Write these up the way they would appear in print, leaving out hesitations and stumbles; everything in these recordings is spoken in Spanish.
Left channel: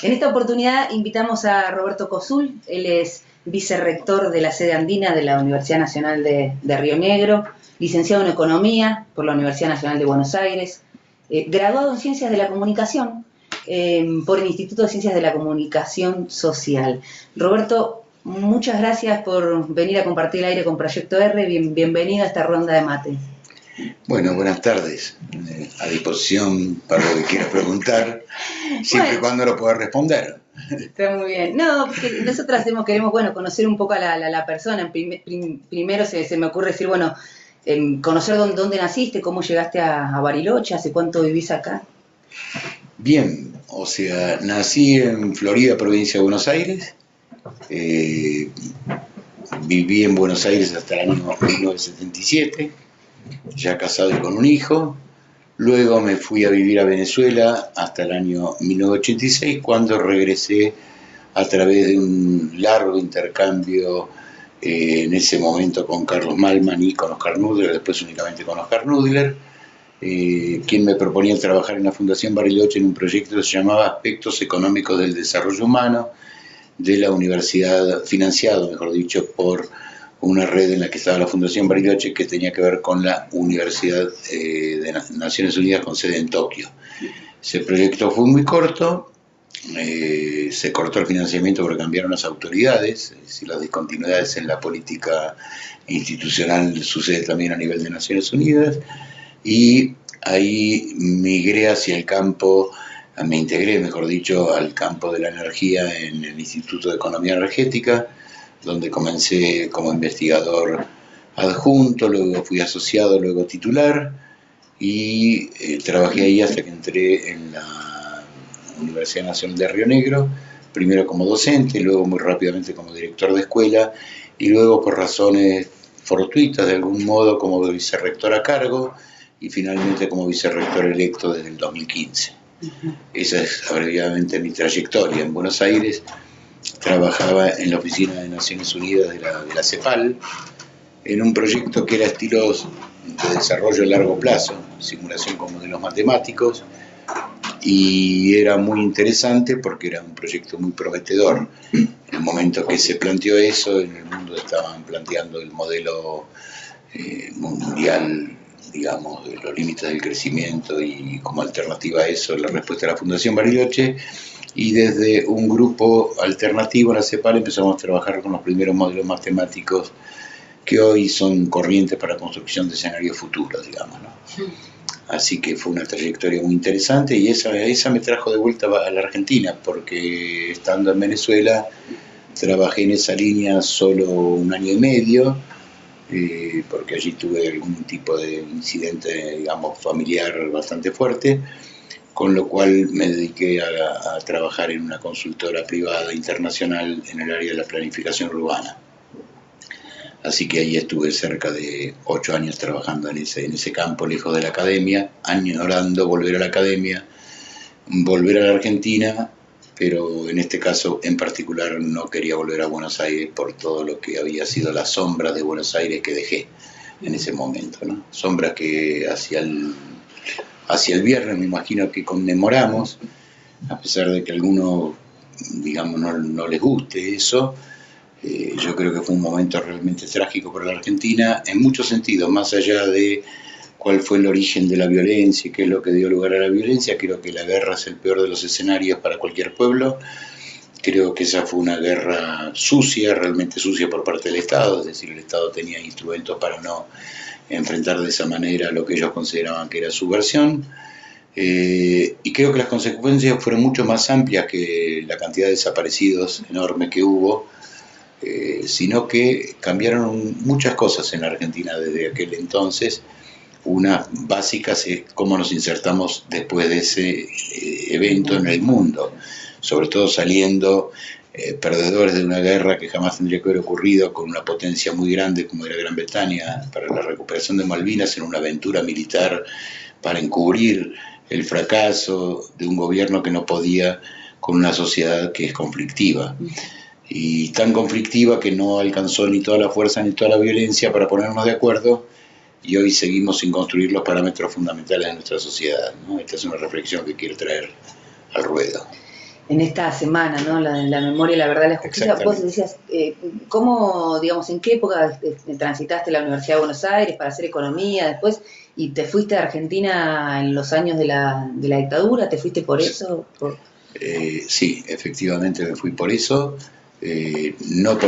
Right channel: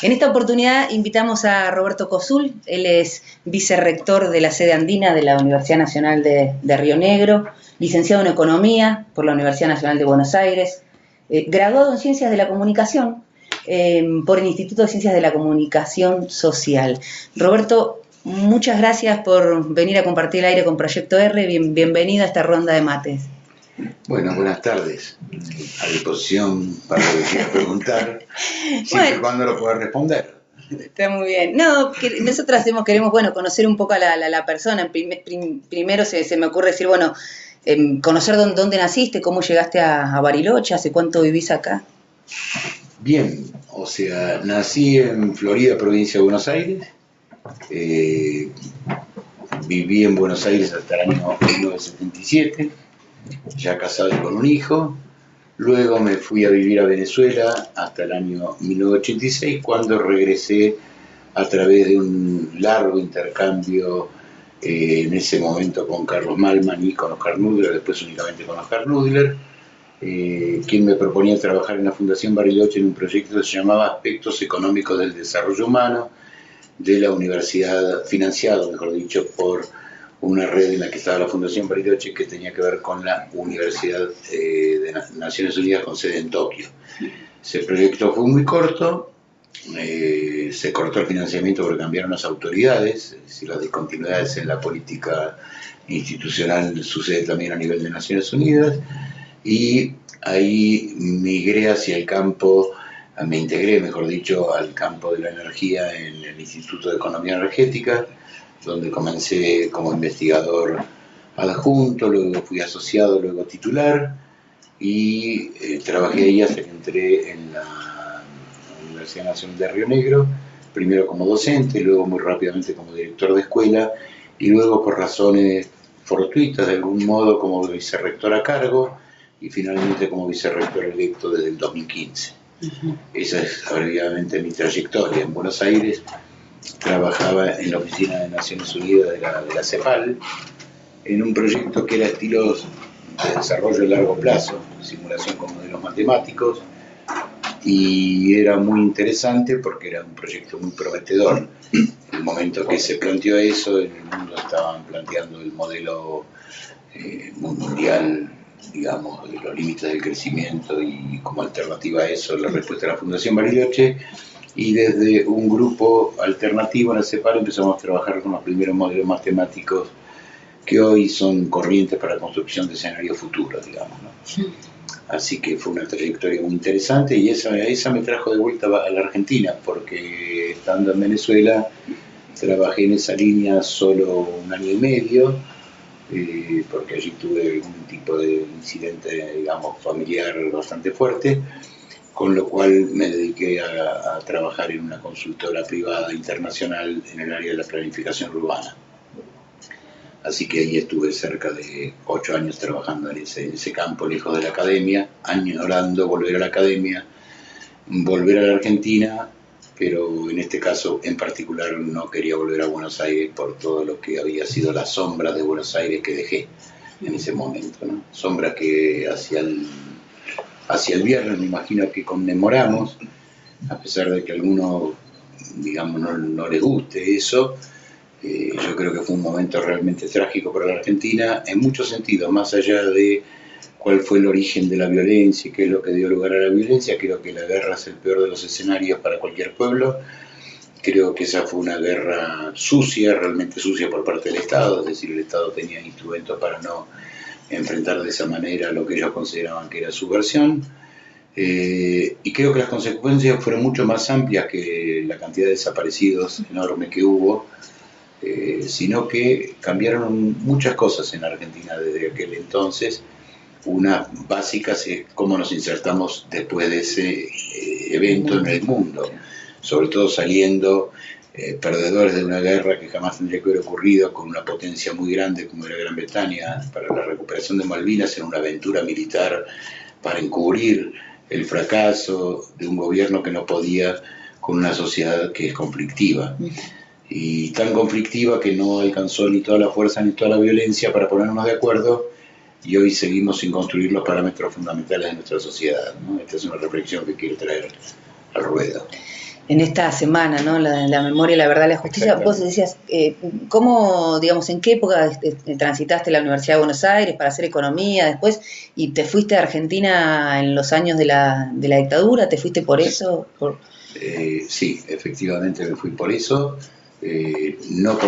En esta oportunidad invitamos a Roberto Cosul, él es vicerrector de la sede andina de la Universidad Nacional de Río Negro, licenciado en Economía por la Universidad Nacional de Buenos Aires, graduado en Ciencias de la Comunicación por el Instituto de Ciencias de la Comunicación Social. Roberto, muchas gracias por venir a compartir el aire con Proyecto R. Bienvenido a esta ronda de mates. Bueno, buenas tardes. A disposición para lo que quieras preguntar, siempre y cuando lo puedas responder. Está muy bien. No, que nosotras queremos conocer un poco a la persona. Primero se me ocurre decir, conocer dónde naciste, cómo llegaste a Bariloche, hace cuánto vivís acá. Bien, o sea, nací en Florida, provincia de Buenos Aires. Viví en Buenos Aires hasta el año 1977. Ya casado y con un hijo. Luego me fui a vivir a Venezuela hasta el año 1986, cuando regresé a través de un largo intercambio en ese momento con Carlos Malman y con Oscar Nudler, después únicamente con Oscar Nudler, quien me proponía trabajar en la Fundación Bariloche en un proyecto que se llamaba Aspectos Económicos del Desarrollo Humano de la Universidad, financiado, mejor dicho, por una red en la que estaba la Fundación Bariloche, que tenía que ver con la Universidad de Naciones Unidas con sede en Tokio. Ese proyecto fue muy corto, se cortó el financiamiento porque cambiaron las autoridades, es decir, las discontinuidades en la política institucional sucede también a nivel de Naciones Unidas, y ahí migré hacia el campo, me integré, mejor dicho, al campo de la energía en el Instituto de Economía Energética, donde comencé como investigador adjunto, luego fui asociado, luego titular, y trabajé ahí hasta que entré en la Universidad Nacional de Río Negro, primero como docente, luego muy rápidamente como director de escuela, y luego por razones fortuitas de algún modo como vicerrector a cargo, y finalmente como vicerrector electo desde el 2015. Esa es abreviadamente mi trayectoria. En Buenos Aires trabajaba en la Oficina de Naciones Unidas de la CEPAL, en un proyecto que era estilos de desarrollo a largo plazo, simulación con modelos matemáticos, y era muy interesante porque era un proyecto muy prometedor. En el momento que se planteó eso, en el mundo estaban planteando el modelo mundial, digamos, de los límites del crecimiento, y como alternativa a eso la respuesta de la Fundación Bariloche, y desde un grupo alternativo en la CEPAL empezamos a trabajar con los primeros modelos matemáticos que hoy son corrientes para la construcción de escenarios futuros, digamos, ¿no? Sí. Así que fue una trayectoria muy interesante, y esa me trajo de vuelta a la Argentina, porque estando en Venezuela trabajé en esa línea solo un año y medio, porque allí tuve algún tipo de incidente, digamos, familiar bastante fuerte, con lo cual me dediqué a trabajar en una consultora privada internacional en el área de la planificación urbana. Así que ahí estuve cerca de 8 años trabajando en ese campo, lejos de la academia, añorando volver a la academia, volver a la Argentina, pero en este caso en particular no quería volver a Buenos Aires por todo lo que había sido la sombra de Buenos Aires que dejé en ese momento, ¿no? Sombra que hacia el viernes me imagino que conmemoramos, a pesar de que a algunos, digamos, no les guste eso. Yo creo que fue un momento realmente trágico para la Argentina en muchos sentidos, más allá de cuál fue el origen de la violencia y qué es lo que dio lugar a la violencia. Creo que la guerra es el peor de los escenarios para cualquier pueblo. Creo que esa fue una guerra sucia, realmente sucia por parte del Estado, es decir, el Estado tenía instrumentos para no enfrentar de esa manera lo que ellos consideraban que era subversión. Y creo que las consecuencias fueron mucho más amplias que la cantidad de desaparecidos enorme que hubo, sino que cambiaron muchas cosas en la Argentina desde aquel entonces. Una básicas es cómo nos insertamos después de ese evento en el mundo, sobre todo saliendo perdedores de una guerra que jamás tendría que haber ocurrido, con una potencia muy grande como era Gran Bretaña, para la recuperación de Malvinas, en una aventura militar para encubrir el fracaso de un gobierno que no podía con una sociedad que es conflictiva. Y tan conflictiva que no alcanzó ni toda la fuerza ni toda la violencia para ponernos de acuerdo, y hoy seguimos sin construir los parámetros fundamentales de nuestra sociedad, ¿no? Esta es una reflexión que quiero traer al ruedo. en esta semana, ¿no? La memoria, la verdad, la justicia. Vos decías, ¿cómo, digamos, en qué época transitaste la Universidad de Buenos Aires para hacer economía después y te fuiste a Argentina en los años de la dictadura? ¿Te fuiste por eso? Sí, efectivamente me fui por eso, no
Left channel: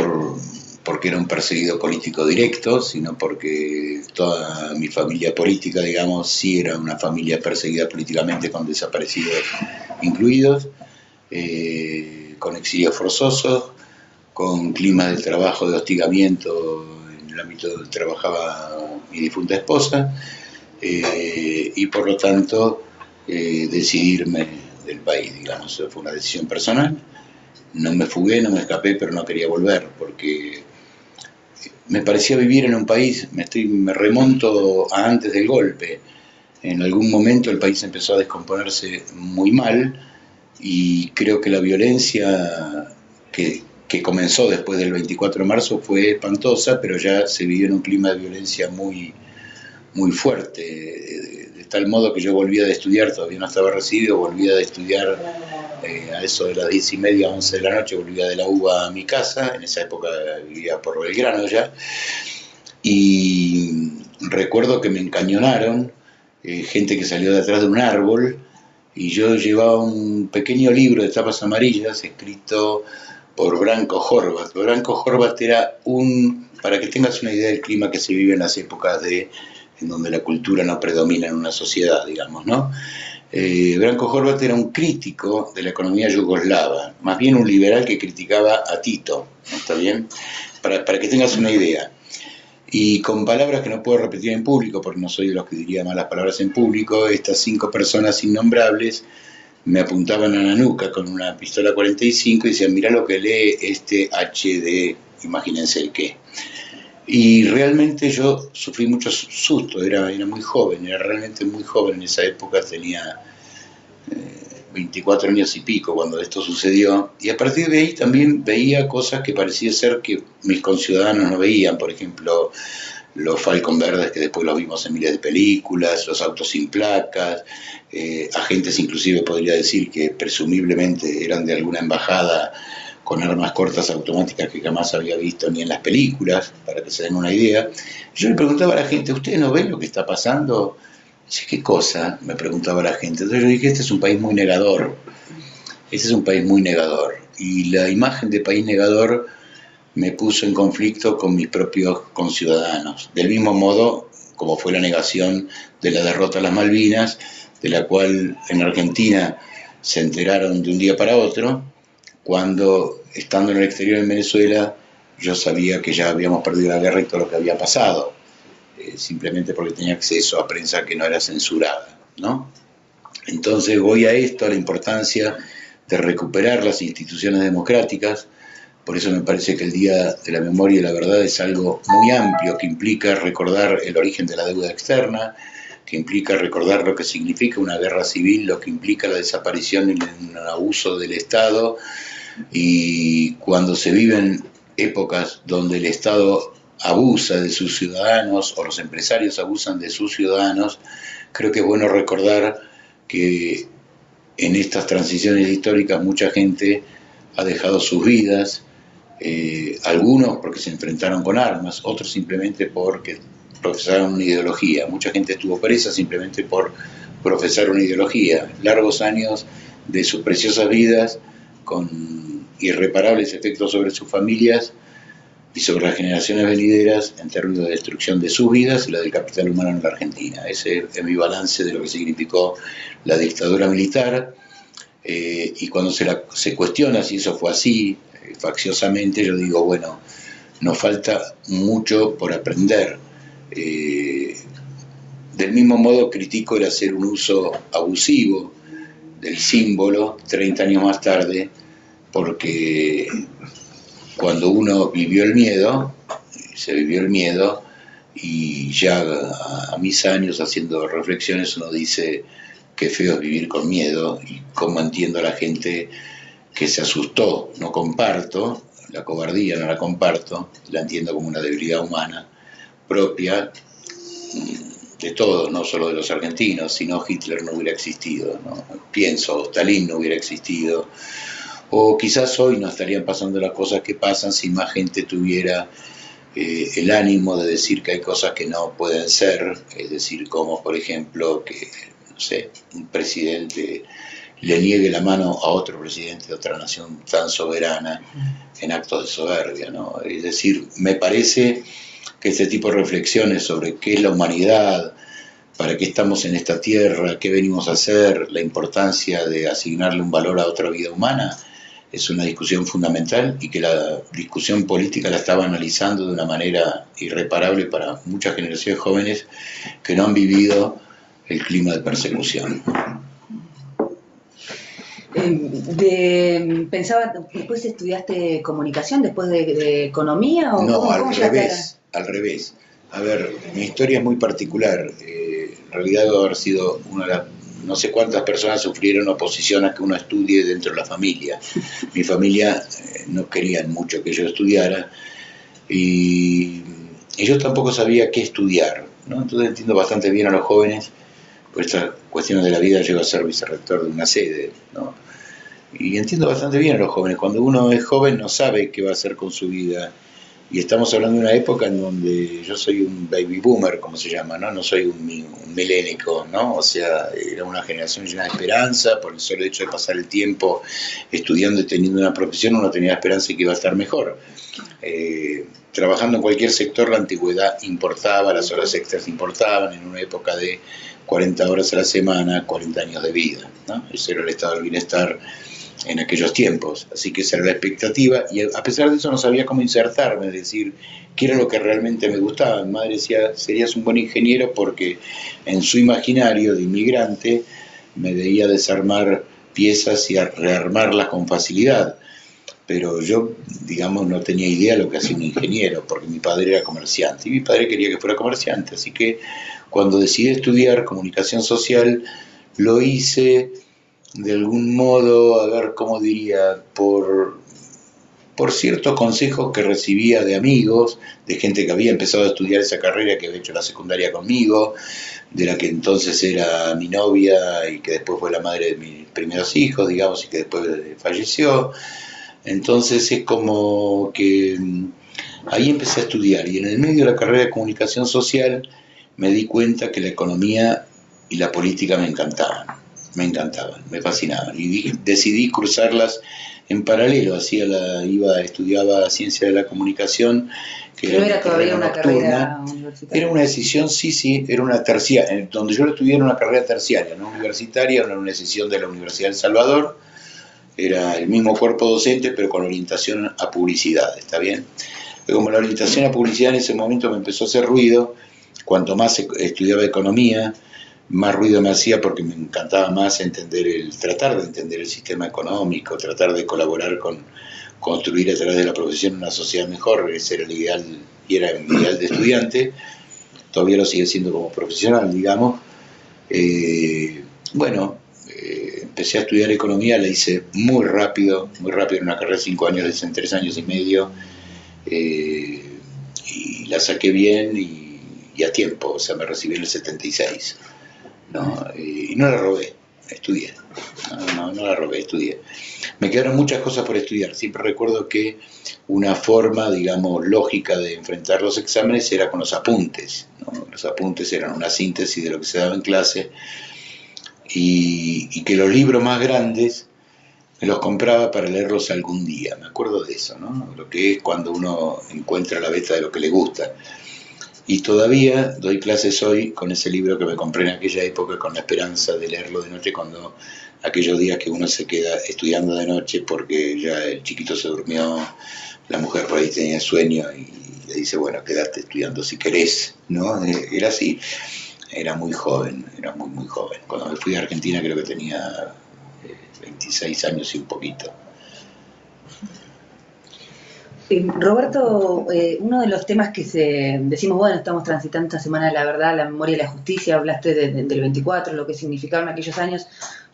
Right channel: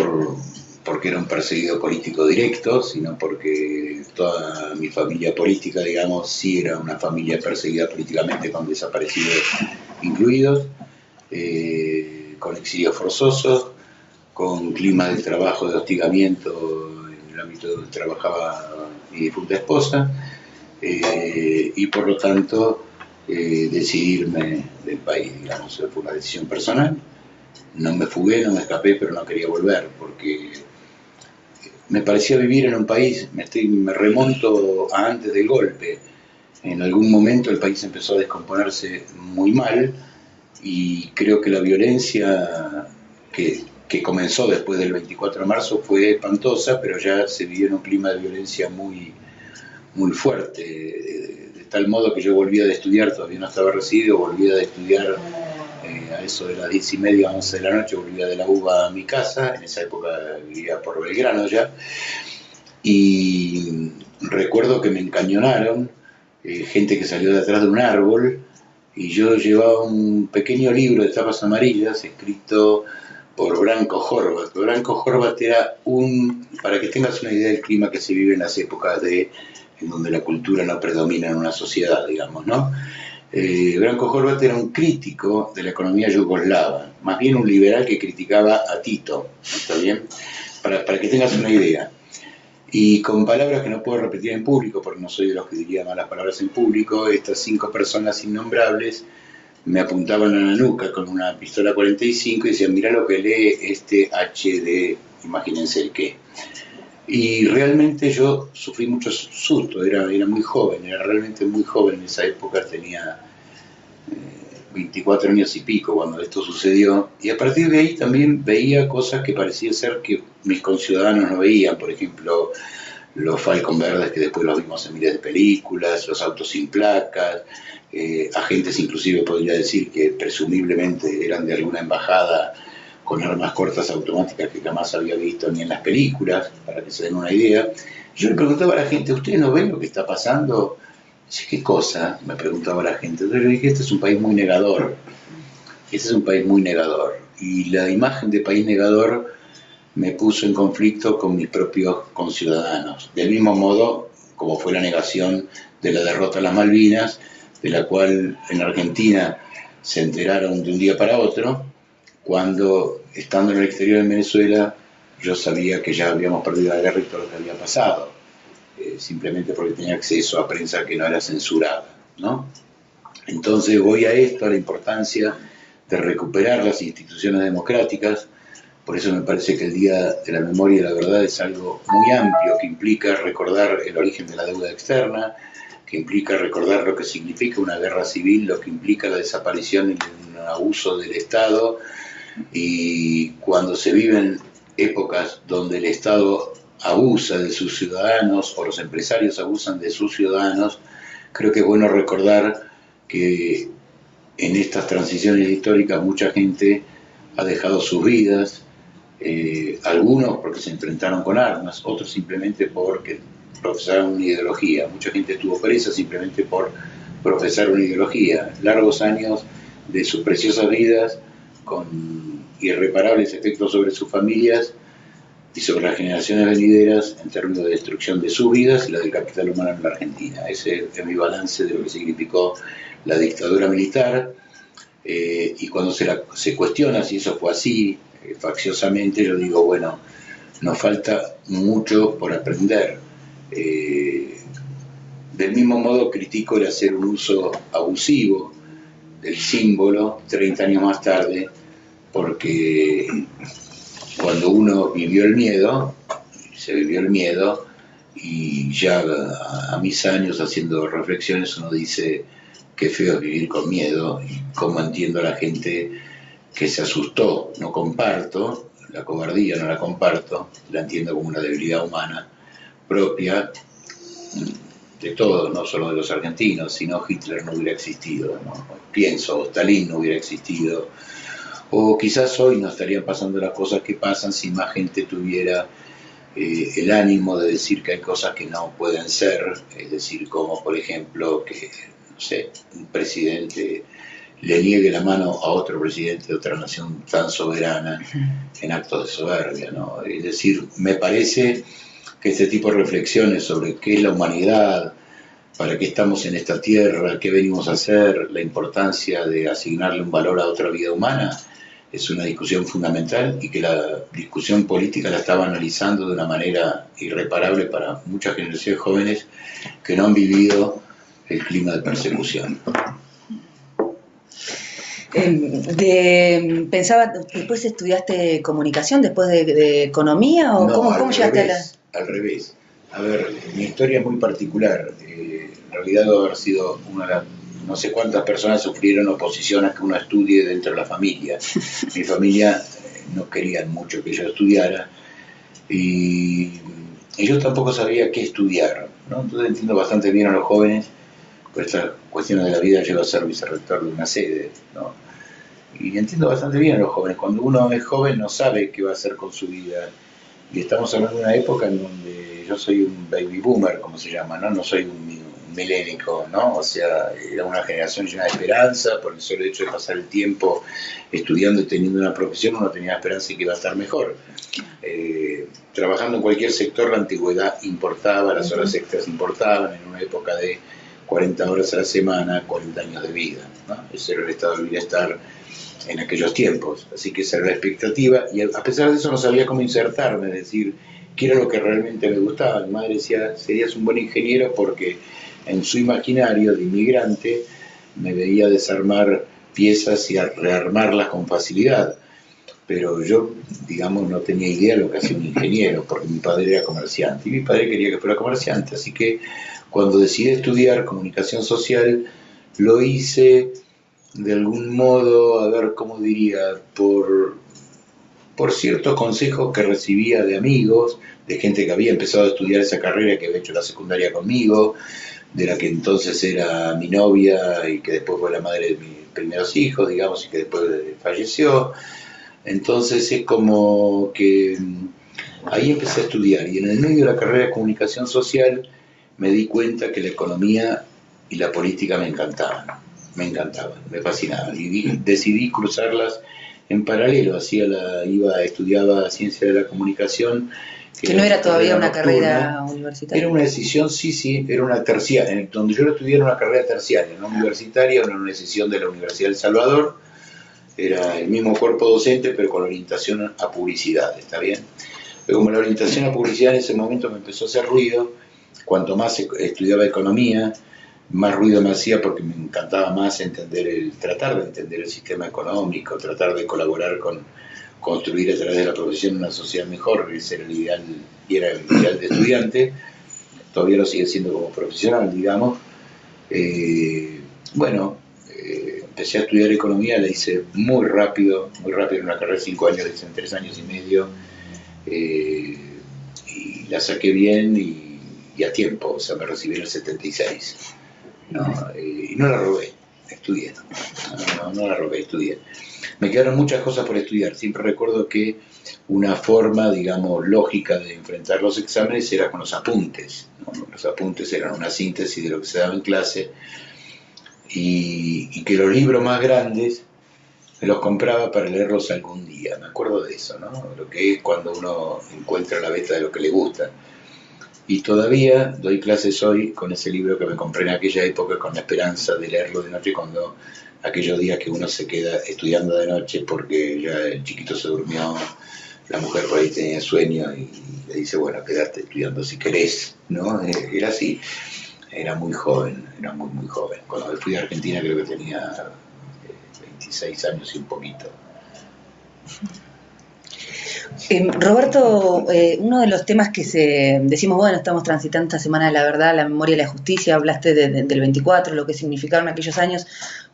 porque era un perseguido político directo, sino porque toda mi familia política, digamos, sí era una familia perseguida políticamente con desaparecidos incluidos. Con exilios forzosos, con climas de trabajo de hostigamiento en el ámbito donde trabajaba mi difunta esposa, y por lo tanto decidirme del país, digamos, fue una decisión personal. No me fugué, no me escapé, pero no quería volver porque me parecía vivir en un país, me remonto a antes del golpe. En algún momento el país empezó a descomponerse muy mal, y creo que la violencia que comenzó después del 24 de marzo fue espantosa, pero ya se vivió en un clima de violencia muy, muy fuerte, de tal modo que yo volvía de estudiar, todavía no estaba recibido, volvía de estudiar a eso de las 10:30, 11 de la noche, volvía de la UBA a mi casa, en esa época vivía por Belgrano ya, y recuerdo que me encañonaron, gente que salió de atrás de un árbol, y yo llevaba un pequeño libro de tapas amarillas escrito por Branko Horvat. Branko Horvat era para que tengas una idea del clima que se vive en las épocas en donde la cultura no predomina en una sociedad, digamos, ¿no? Branko Horvat era un crítico de la economía yugoslava, más bien un liberal que criticaba a Tito, ¿está bien? Para que tengas una idea. Y con palabras que no puedo repetir en público, porque no soy de los que diría malas palabras en público, estas 5 personas innombrables me apuntaban a la nuca con una pistola 45 y decían, mirá lo que lee este HD, imagínense el qué. Y realmente yo sufrí mucho susto, era muy joven, era realmente muy joven en esa época, tenía 24 años y pico cuando esto sucedió, y a partir de ahí también veía cosas que parecía ser que mis conciudadanos no veían, por ejemplo, los Falcon verdes que después los vimos en miles de películas, los autos sin placas, agentes inclusive podría decir que presumiblemente eran de alguna embajada con armas cortas automáticas que jamás había visto ni en las películas, para que se den una idea. Yo le preguntaba a la gente, ¿ustedes no ven lo que está pasando? Dice, ¿qué cosa? Me preguntaba la gente. Entonces yo dije, este es un país muy negador. Este es un país muy negador. Y la imagen de país negador me puso en conflicto con mis propios conciudadanos. Del mismo modo, como fue la negación de la derrota a las Malvinas, de la cual en Argentina se enteraron de un día para otro, cuando, estando en el exterior en Venezuela, yo sabía que ya habíamos perdido la guerra y todo lo que había pasado. Simplemente porque tenía acceso a prensa que no era censurada, ¿no? Entonces voy a esto, a la importancia de recuperar las instituciones democráticas. Por eso me parece que el Día de la Memoria y la Verdad es algo muy amplio, que implica recordar el origen de la deuda externa, que implica recordar lo que significa una guerra civil, lo que implica la desaparición y un abuso del Estado, y cuando se viven épocas donde el Estado abusa de sus ciudadanos o los empresarios abusan de sus ciudadanos, creo que es bueno recordar que en estas transiciones históricas mucha gente ha dejado sus vidas, algunos porque se enfrentaron con armas, otros simplemente porque profesaron una ideología. Mucha gente estuvo presa simplemente por profesar una ideología. Largos años de sus preciosas vidas con irreparables efectos sobre sus familias y sobre las generaciones venideras en términos de destrucción de sus vidas y la del capital humano en la Argentina. Ese es mi balance de lo que significó la dictadura militar, y cuando se cuestiona si eso fue así, facciosamente, yo digo, bueno, nos falta mucho por aprender. Del mismo modo critico el hacer un uso abusivo del símbolo 30 años más tarde, porque cuando uno vivió el miedo, se vivió el miedo, y ya a mis años haciendo reflexiones uno dice qué feo es vivir con miedo, y cómo entiendo a la gente que se asustó. No comparto la cobardía, no la comparto, la entiendo como una debilidad humana propia de todos, no solo de los argentinos. Si no, Hitler no hubiera existido, ¿no? Pienso, Stalin no hubiera existido, O quizás hoy no estarían pasando las cosas que pasan si más gente tuviera el ánimo de decir que hay cosas que no pueden ser, es decir, como por ejemplo que, no sé, un presidente le niegue la mano a otro presidente de otra nación tan soberana en actos de soberbia, ¿no? Es decir, me parece que este tipo de reflexiones sobre qué es la humanidad, para qué estamos en esta tierra, qué venimos a hacer, la importancia de asignarle un valor a otra vida humana, es una discusión fundamental y que la discusión política la estaba analizando de una manera irreparable para muchas generaciones jóvenes que no han vivido el clima de persecución. Pensaba, ¿después estudiaste comunicación, después de economía? ¿O no, cómo llegaste al revés. A ver, mi historia es muy particular. En realidad debe haber sido una de las... No sé cuántas personas sufrieron oposición a que uno estudie dentro de la familia. Mi familia no querían mucho que yo estudiara y yo tampoco sabía qué estudiar, ¿no? Entonces entiendo bastante bien a los jóvenes, por estas cuestiones de la vida. Llego a ser vicerrector de una sede, ¿no? Y entiendo bastante bien a los jóvenes. Cuando uno es joven no sabe qué va a hacer con su vida. Y estamos hablando de una época en donde yo soy un baby boomer, como se llama, ¿no? No soy un milénico, ¿no? O sea, era una generación llena de esperanza. Por el solo hecho de pasar el tiempo estudiando y teniendo una profesión, uno tenía esperanza de que iba a estar mejor. Trabajando en cualquier sector, la antigüedad importaba, las horas extras importaban, en una época de 40 horas a la semana, 40 años de vida, ¿no? Ese era el estado del bienestar en aquellos tiempos, así que esa era la expectativa, y a pesar de eso no sabía cómo insertarme, es decir, qué era lo que realmente me gustaba. Mi madre decía, serías un buen ingeniero, porque en su imaginario de inmigrante me veía desarmar piezas y rearmarlas con facilidad, pero yo, digamos, no tenía idea de lo que hacía un ingeniero, porque mi padre era comerciante, y mi padre quería que fuera comerciante, así que cuando decidí estudiar comunicación social, lo hice de algún modo, a ver cómo diría, por ciertos consejos que recibía de amigos, de gente que había empezado a estudiar esa carrera, que había hecho la secundaria conmigo, de la que entonces era mi novia y que después fue la madre de mis primeros hijos, digamos, y que después falleció. Entonces es como que ahí empecé a estudiar, y en el medio de la carrera de comunicación social me di cuenta que la economía y la política me encantaban, me fascinaban, y decidí cruzarlas en paralelo. Estudiaba ciencia de la comunicación, que no era todavía una carrera universitaria. Era una decisión, sí, era una terciaria, donde yo lo estudié era una carrera terciaria, no universitaria, era una decisión de la Universidad de El Salvador, era el mismo cuerpo docente, pero con orientación a publicidad, ¿está bien? Pero como la orientación a publicidad en ese momento me empezó a hacer ruido, cuanto más estudiaba economía, más ruido me hacía, porque me encantaba más tratar de entender el sistema económico, tratar de colaborar con construir a través de la profesión una sociedad mejor. Ese era el ideal, y era el ideal de estudiante, todavía lo sigue siendo como profesional, digamos. Empecé a estudiar economía, la hice muy rápido, en una carrera de 5 años, la hice en 3 años y medio, y la saqué bien y a tiempo, o sea, me recibí en el 76. Y no la robé, estudié. No la robé, estudié. Me quedaron muchas cosas por estudiar. Siempre recuerdo que una forma, digamos, lógica de enfrentar los exámenes era con los apuntes, ¿no? Los apuntes eran una síntesis de lo que se daba en clase, y que los libros más grandes me los compraba para leerlos algún día. Me acuerdo de eso, ¿no? Lo que es cuando uno encuentra la beta de lo que le gusta. Y todavía doy clases hoy con ese libro que me compré en aquella época, con la esperanza de leerlo de noche, cuando aquellos días que uno se queda estudiando de noche porque ya el chiquito se durmió, la mujer por ahí tenía sueño y le dice, bueno, quédate estudiando si querés, ¿no? Era así, era muy joven, era muy joven. Cuando me fui a Argentina creo que tenía 26 años y un poquito. Roberto, uno de los temas que decimos, bueno, estamos transitando esta semana de la verdad, la memoria y la justicia, hablaste del 24, lo que significaron aquellos años.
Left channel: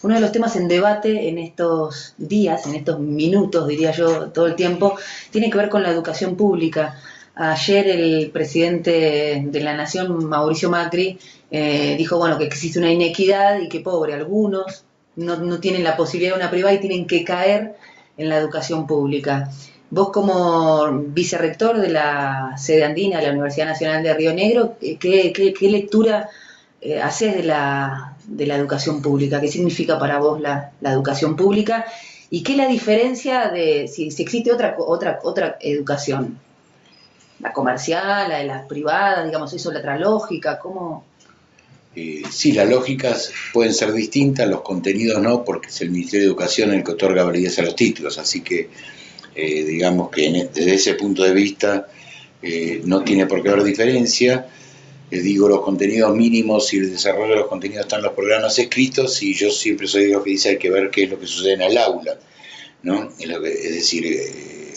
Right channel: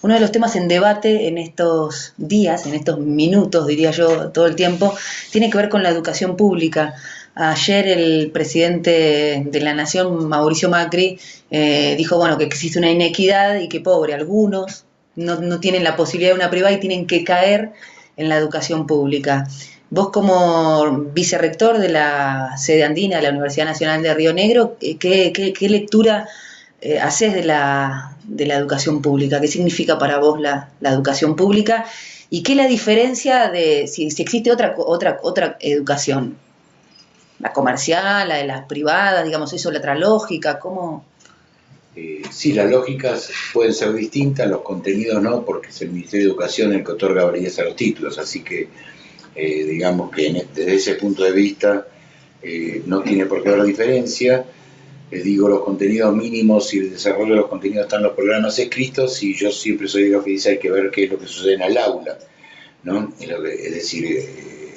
Uno de los temas en debate en estos días, en estos minutos, diría yo, todo el tiempo, tiene que ver con la educación pública. Ayer el presidente de la Nación, Mauricio Macri, dijo, bueno, que existe una inequidad y que, pobre, algunos no tienen la posibilidad de una privada y tienen que caer en la educación pública. Vos como vicerrector de la sede andina de la Universidad Nacional de Río Negro, ¿qué lectura haces de la educación pública? ¿Qué significa para vos la educación pública? ¿Y qué es la diferencia de si existe otra educación? ¿La comercial, la de las privadas, digamos, eso, la otra lógica? ¿Cómo? Sí, las lógicas pueden ser distintas, los contenidos no, porque es el Ministerio de Educación el que otorga validez a los títulos, así que digamos que desde ese punto de vista no tiene por qué haber diferencia. Digo, los contenidos mínimos y el desarrollo de los contenidos están en los programas escritos, y yo siempre soy de los que dice hay que ver qué es lo que sucede en el aula, ¿no? Es decir,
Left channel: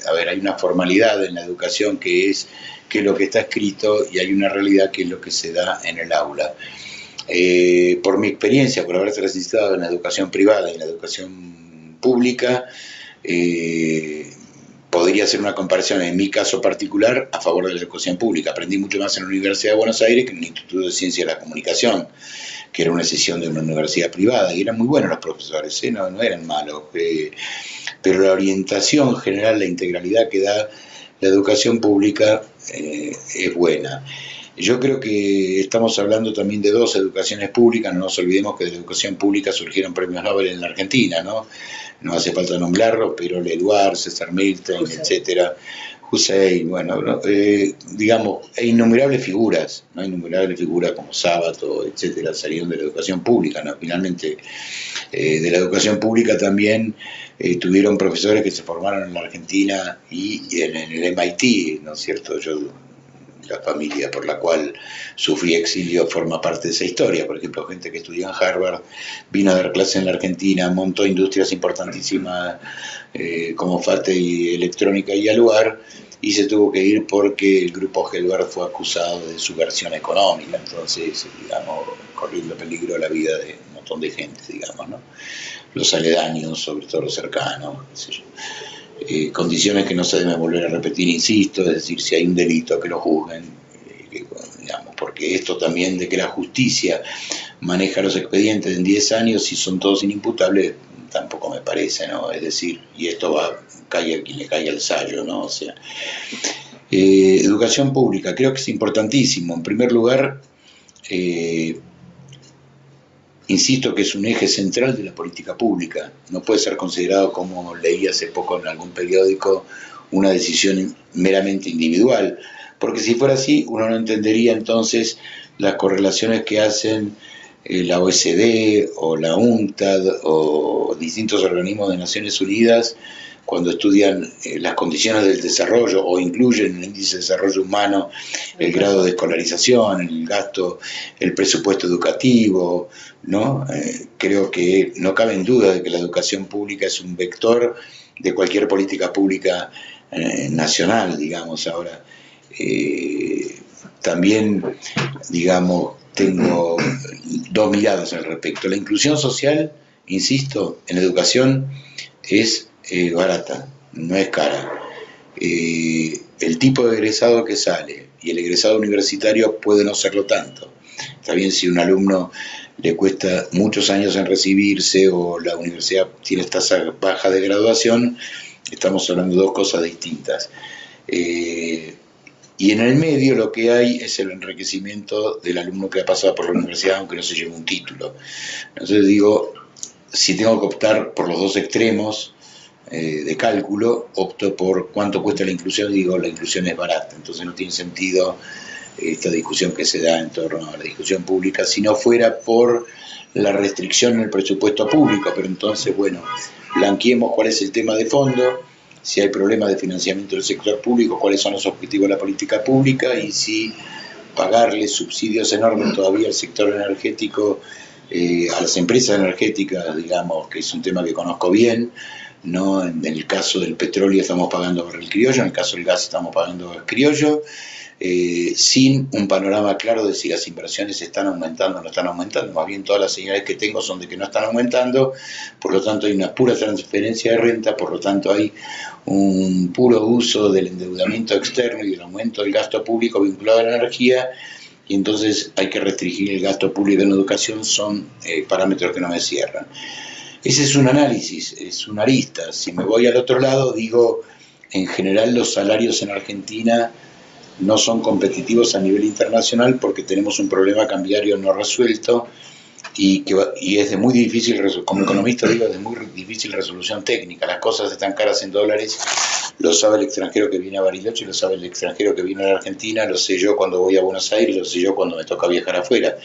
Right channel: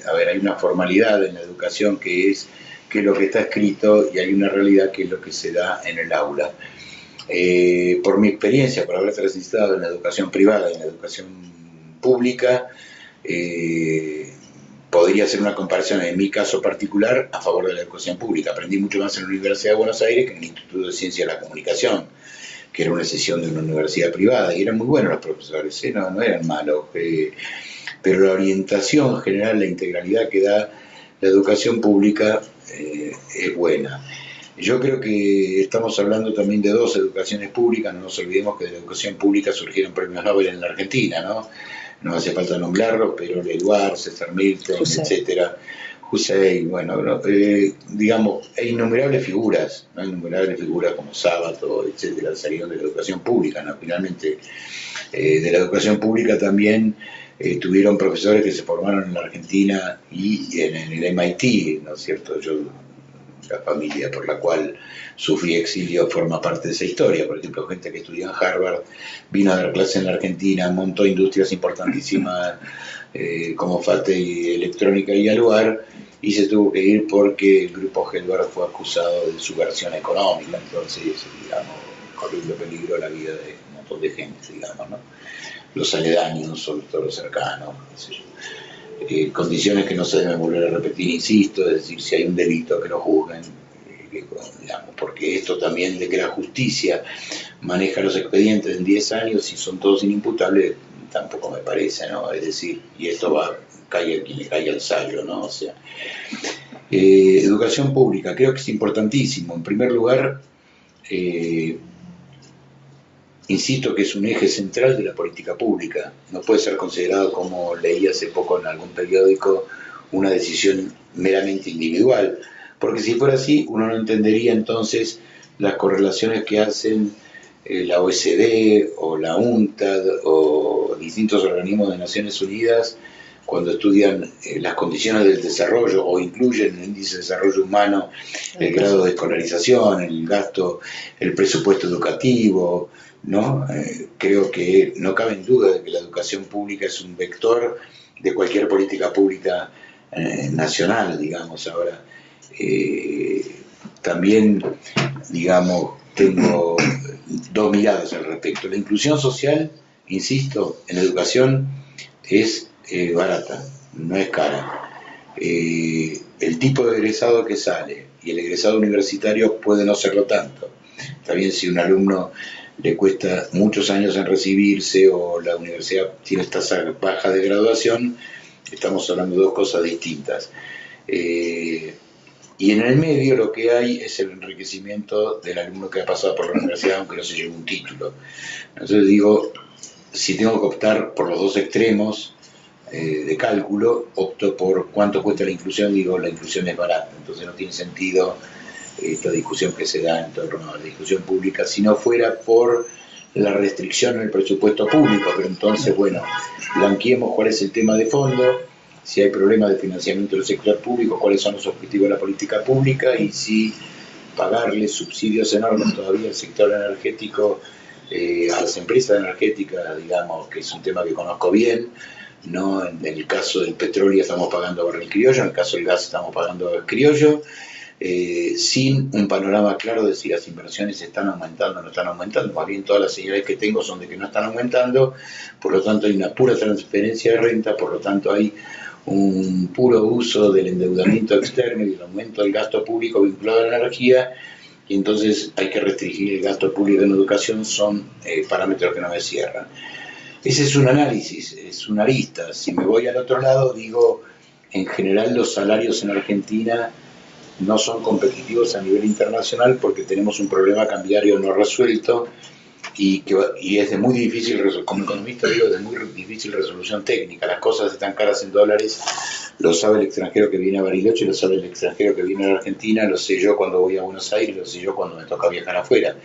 a ver, hay una formalidad en la educación que es lo que está escrito, y hay una realidad que es lo que se da en el aula. Por mi experiencia, por haber transitado en la educación privada y en la educación pública, podría hacer una comparación en mi caso particular a favor de la educación pública. Aprendí mucho más en la Universidad de Buenos Aires que en el Instituto de Ciencia de la Comunicación, que era una excepción de una universidad privada, y eran muy buenos los profesores, no eran malos, pero la orientación general, la integralidad que da la educación pública es buena. Yo creo que estamos hablando también de dos educaciones públicas. No nos olvidemos que de la educación pública surgieron premios Nobel en la Argentina, ¿no? No hace falta nombrarlos, pero Eduard, César Milton, etcétera, Hussein, bueno, ¿no? Digamos, hay innumerables figuras, ¿no? Innumerables figuras como Sábato, etcétera, salieron de la educación pública, ¿no? Finalmente, de la educación pública también tuvieron profesores que se formaron en la Argentina y en el MIT, ¿no es cierto? La familia por la cual sufrí exilio forma parte de esa historia. Por ejemplo, gente que estudió en Harvard vino a dar clases en la Argentina, montó industrias importantísimas como FATE y Electrónica y Aluar, y se tuvo que ir porque el grupo Gelbar fue acusado de subversión económica. Entonces, digamos, corriendo peligro la vida de un montón de gente, digamos, ¿no? Los aledaños, sobre todo los cercanos, qué sé yo. Condiciones que no se deben volver a repetir, insisto, es decir, si hay un delito que lo juzguen, digamos, porque esto también de que la justicia maneja los expedientes en 10 años y son todos inimputables, tampoco me parece, ¿no? Es decir, y esto caiga quien le caiga el sayo, ¿no? O sea, educación pública, creo que es importantísimo. En primer lugar, insisto que es un eje central de la política pública. No puede ser considerado, como leí hace poco en algún periódico, una decisión meramente individual, porque si fuera así, uno no entendería entonces las correlaciones que hacen la OECD o la UNCTAD o distintos organismos de Naciones Unidas cuando estudian las condiciones del desarrollo o incluyen en el índice de desarrollo humano el grado de escolarización, el gasto, el presupuesto educativo, ¿no? Creo que no cabe en duda de que la educación pública es un vector de cualquier política pública nacional, digamos. Ahora, también, digamos, tengo dos miradas al respecto. La inclusión social, insisto, en educación es barata, no es cara. El tipo de egresado que sale y el egresado universitario puede no serlo tanto. Está bien si un alumno le cuesta muchos años en recibirse o la universidad tiene tasa baja de graduación, estamos hablando de dos cosas distintas. Y en el medio lo que hay es el enriquecimiento del alumno que ha pasado por la universidad aunque no se lleve un título. Entonces digo, si tengo que optar por los dos extremos de cálculo, opto por cuánto cuesta la inclusión, digo, la inclusión es barata, entonces no tiene sentido esta discusión que se da en torno a la discusión pública, si no fuera por la restricción en el presupuesto público. Pero entonces, bueno, blanqueemos cuál es el tema de fondo, si hay problemas de financiamiento del sector público, cuáles son los objetivos de la política pública, y si pagarle subsidios enormes todavía al sector energético, a las empresas energéticas, digamos, que es un tema que conozco bien, ¿no? En el caso del petróleo estamos pagando barril criollo, en el caso del gas estamos pagando criollo, sin un panorama claro de si las inversiones están aumentando o no están aumentando. Más bien todas las señales que tengo son de que no están aumentando, por lo tanto hay una pura transferencia de renta, por lo tanto hay un puro uso del endeudamiento externo y del aumento del gasto público vinculado a la energía, y entonces hay que restringir el gasto público en educación. Son parámetros que no me cierran. Ese es un análisis, es una arista. Si me voy al otro lado, digo, en general los salarios en Argentina no son competitivos a nivel internacional porque tenemos un problema cambiario no resuelto y es de muy difícil, como economista digo, de muy difícil resolución técnica. Las cosas están caras en dólares, lo sabe el extranjero que viene a Bariloche, lo sabe el extranjero que viene a la Argentina, lo sé yo cuando voy a Buenos Aires, lo sé yo cuando me toca viajar afuera.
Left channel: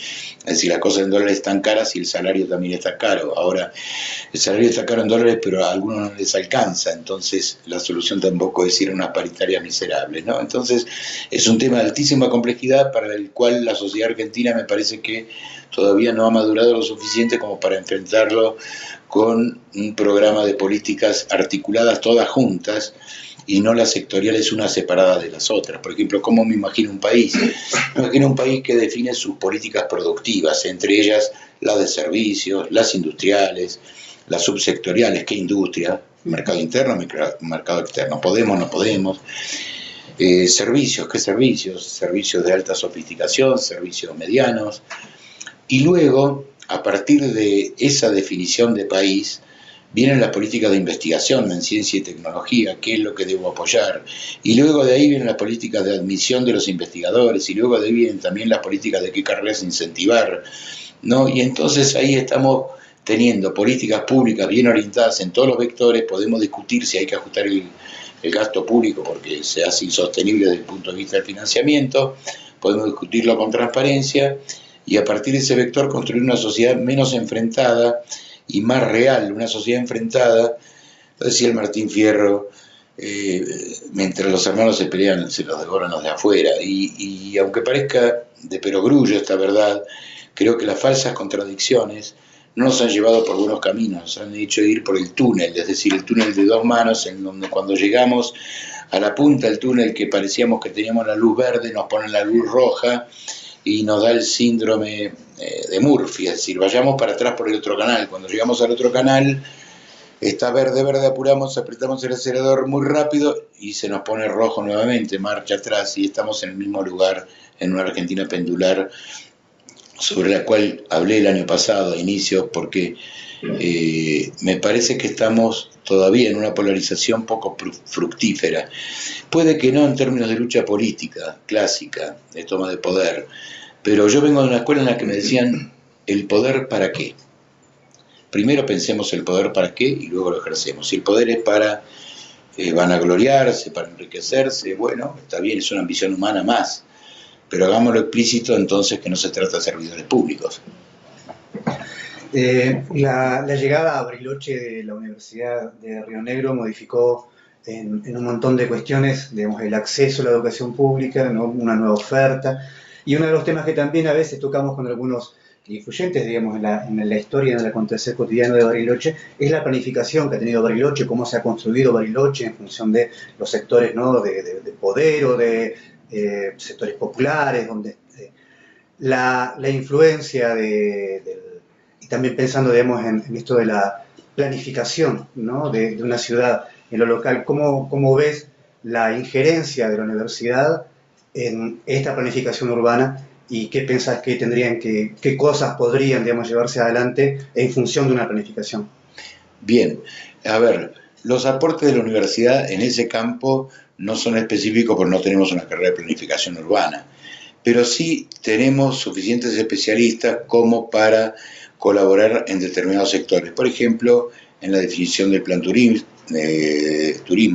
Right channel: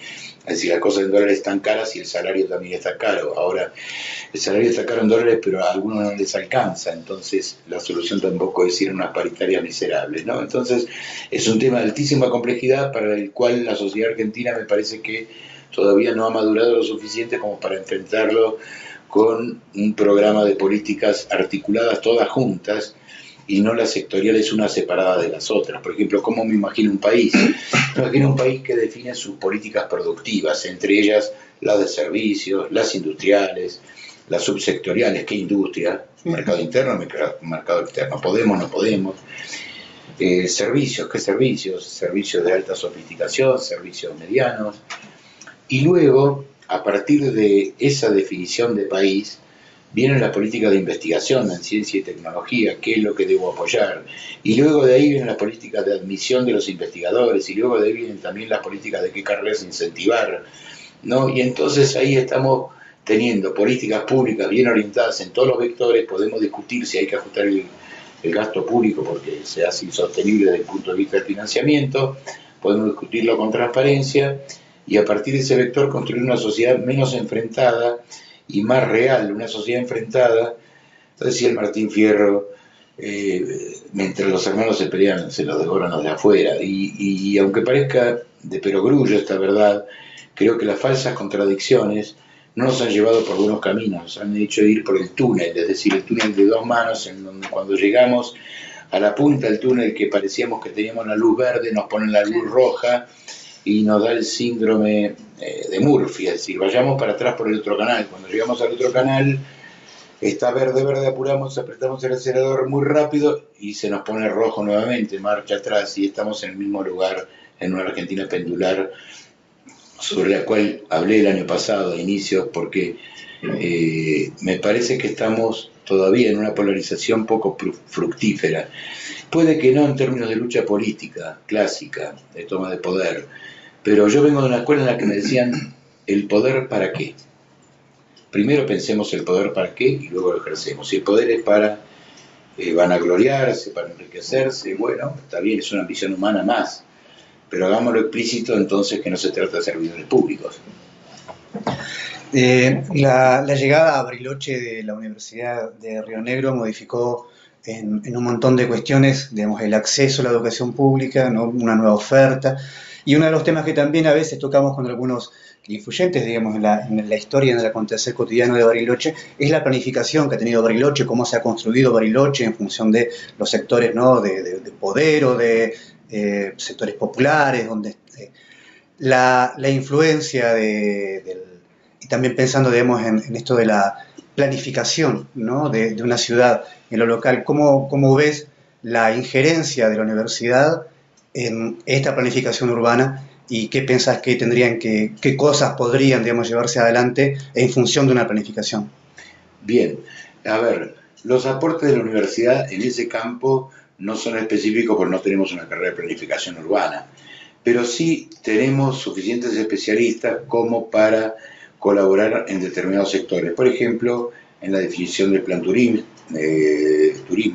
Es decir, las cosas en dólares están caras y el salario también está caro. Ahora, el salario está caro en dólares, pero a algunos no les alcanza, entonces la solución tampoco es ir a unas paritarias miserables, ¿no? Entonces, es un tema de altísima complejidad para el cual la sociedad argentina me parece que todavía no ha madurado lo suficiente como para enfrentarlo con un programa de políticas articuladas todas juntas y no las sectoriales una separada de las otras. Por ejemplo, ¿cómo me imagino un país? Me imagino un país que define sus políticas productivas, entre ellas las de servicios, las industriales, las subsectoriales, ¿qué industria? Mercado interno, mercado externo, podemos, no podemos. Servicios, ¿qué servicios? Servicios de alta sofisticación, servicios medianos. Y luego, a partir de esa definición de país, viene la política de investigación en ciencia y tecnología, qué es lo que debo apoyar. Y luego de ahí vienen las políticas de admisión de los investigadores, y luego de ahí vienen también las políticas de qué carreras incentivar, ¿no? Y entonces ahí estamos teniendo políticas públicas bien orientadas en todos los vectores. Podemos discutir si hay que ajustar el gasto público porque se hace insostenible desde el punto de vista del financiamiento, podemos discutirlo con transparencia, y a partir de ese vector construir una sociedad menos enfrentada y más real, una sociedad enfrentada, decía el Martín Fierro, mientras los hermanos se pelean, se los devoran los de afuera, y aunque parezca de perogrullo esta verdad, creo que las falsas contradicciones no nos han llevado por buenos caminos, nos han hecho ir por el túnel, es decir, el túnel de dos manos, en donde cuando llegamos a la punta del túnel que parecíamos que teníamos la luz verde, nos ponen la luz roja, y nos da el síndrome de Murphy, es decir, vayamos para atrás por el otro canal. Cuando llegamos al otro canal, está verde, verde, apuramos, apretamos el acelerador muy rápido y se nos pone rojo nuevamente, marcha atrás, y estamos en el mismo lugar, en una Argentina pendular, sobre la cual hablé el año pasado a inicios, porque me parece que estamos todavía en una polarización poco fructífera. Puede que no en términos de lucha política clásica, de toma de poder, pero yo vengo de una escuela en la que me decían, ¿el poder para qué? Primero pensemos el poder para qué y luego lo ejercemos. Si el poder es para vanagloriarse, para enriquecerse, bueno, está bien, es una ambición humana más, pero hagámoslo explícito entonces que no se trata de servidores públicos. La llegada a Bariloche de la Universidad de Río Negro modificó en un montón de cuestiones, digamos, el acceso a la educación pública, ¿no? Una nueva oferta, y uno de los temas que también a veces tocamos con algunos influyentes, digamos, en la historia, en el acontecer cotidiano de Bariloche, es la planificación que ha tenido Bariloche, cómo se ha construido Bariloche en función de los sectores, ¿no? de poder o de sectores populares, donde la influencia y también pensando, digamos, en esto de la planificación, ¿no? de una ciudad en lo local, ¿cómo ves la injerencia de la universidad en esta planificación urbana y qué pensás que qué cosas podrían, digamos, llevarse adelante en función de una planificación? Bien, a ver, los aportes de la universidad en ese campo no son específicos porque no tenemos una carrera de planificación urbana, pero sí tenemos suficientes especialistas como para colaborar en determinados sectores. Por ejemplo, en la definición del plan turismo